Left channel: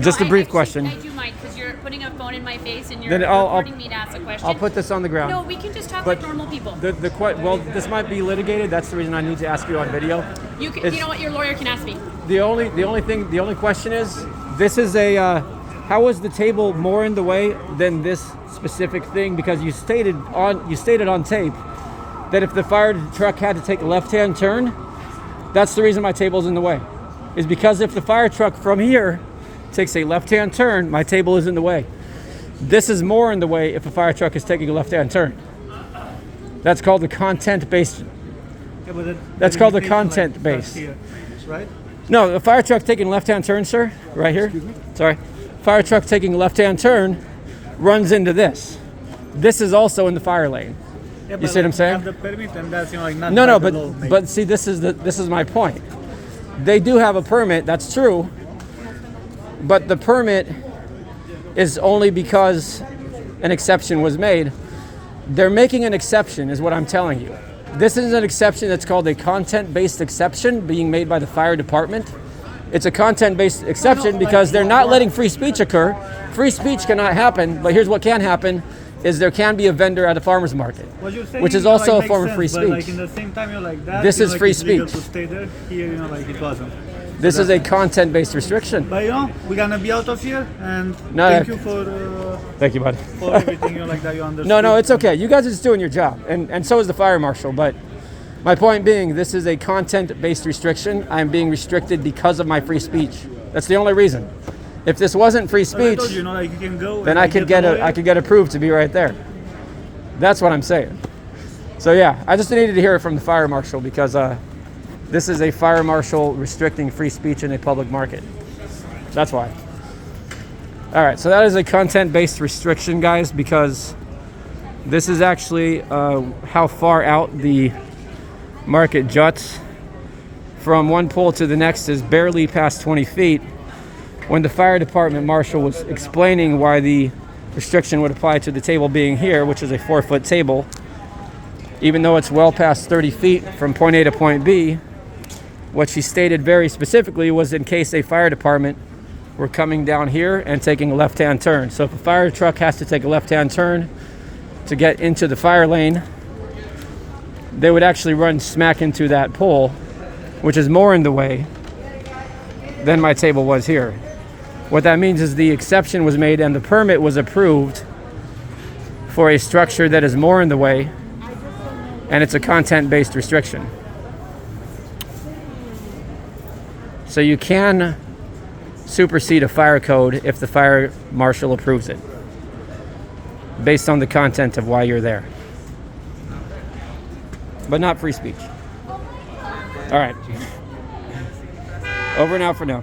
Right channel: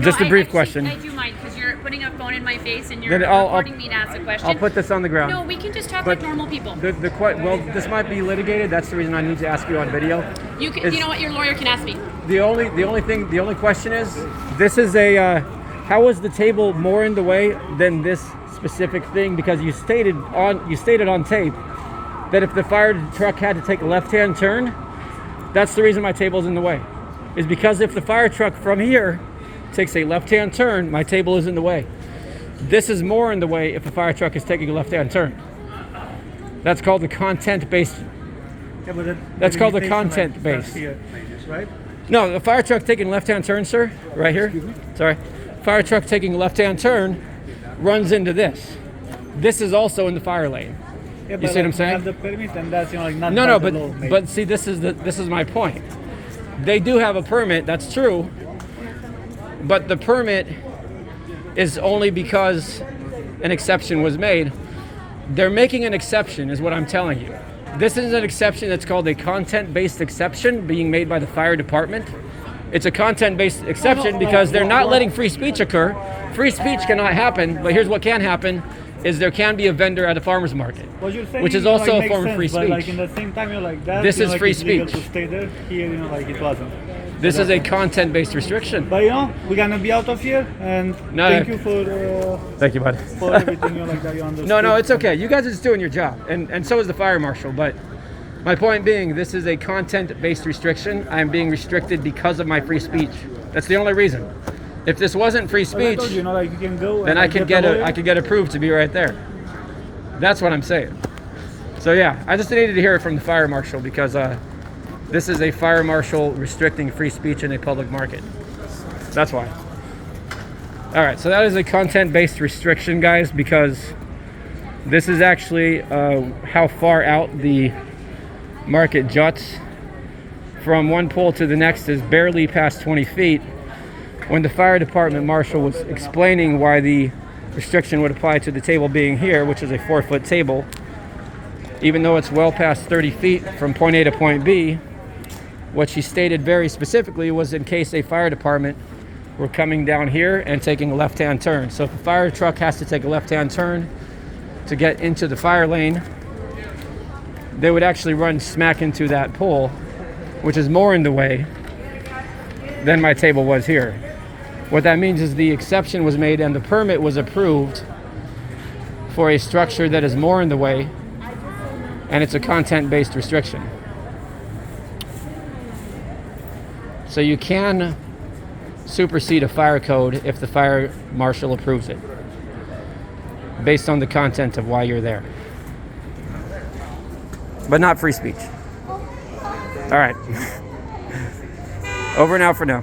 Just a brief question. I do mind because you're putting a phone in my face and you're Then I'll- recording me to ask a question. I'll put this on the ground. No, we can just talk But like normal people. Well, this might be litigated. That's the reason I need to ask you on video. You know what? Your lawyer can ask me. The only question is, this is a, how is the table more in the way than this specific thing? Because you stated on tape that if the fire truck had to take a left-hand turn, that's the reason my table's in the way. Is because if the fire truck from here takes a left-hand turn, my table is in the way. This is more in the way if a fire truck is taking a left-hand turn. That's called the content-based. Yeah, but That's called the content-based. Right? No, the fire truck taking a left-hand turn, sir, right here. Excuse me? Sorry. Fire truck taking a left-hand turn runs into this. This is also in the fire lane. Yeah, You see what I'm saying? Have the permit, and that's like not No, by the law, maybe. but see, this is my point. They do have a permit, that's true, but the permit is only because an exception was made. They're making an exception, is what I'm telling you. This is an exception that's called a content-based exception being made by the fire department. It's a content-based exception because they're not letting free speech occur. Free speech cannot happen, but here's what can happen. Is there can be a vendor at a farmer's market, What you're saying, which is you know, also like, a form makes of free sense, but, like, speech. in the same time, you're like that. This you know, is like, free it's legal speech. to stay there. Here, you know, like it wasn't. This is a content-based restriction. But you know, we're gonna be out of here, and No, thank no. you for Thank you, bud. everything. You know, like that. You understood. No, it's okay. You guys are just doing your job, and so is the fire marshal. But my point being, this is a content-based restriction. I am being restricted because of my free speech. That's the only reason. If this wasn't free As I speech, told you, you know, like you can go. then and I could get a lawyer. I could get approved to be right there. That's what I'm saying. So yeah, I just needed to hear it from the fire marshal because this is a fire marshal restricting free speech in a public market. That's why. All right, so that is a content-based restriction, guys, because this is actually how far out the market juts. From one pole to the next is barely past 20 feet. When the fire department marshal was explaining why the restriction would apply to the table being here, which is a 4-foot table, even though it's well past 30 feet from point A to point B, what she stated very specifically was in case a fire department were coming down here and taking a left-hand turn. So if a fire truck has to take a left-hand turn to get into the fire lane, they would actually run smack into that pole, which is more in the way than my table was here. What that means is the exception was made and the permit was approved for a structure that is more in the way, and it's a content-based restriction. So you can supersede a fire code if the fire marshal approves it, based on the content of why you're there. But not free speech. All right. Over and out for now.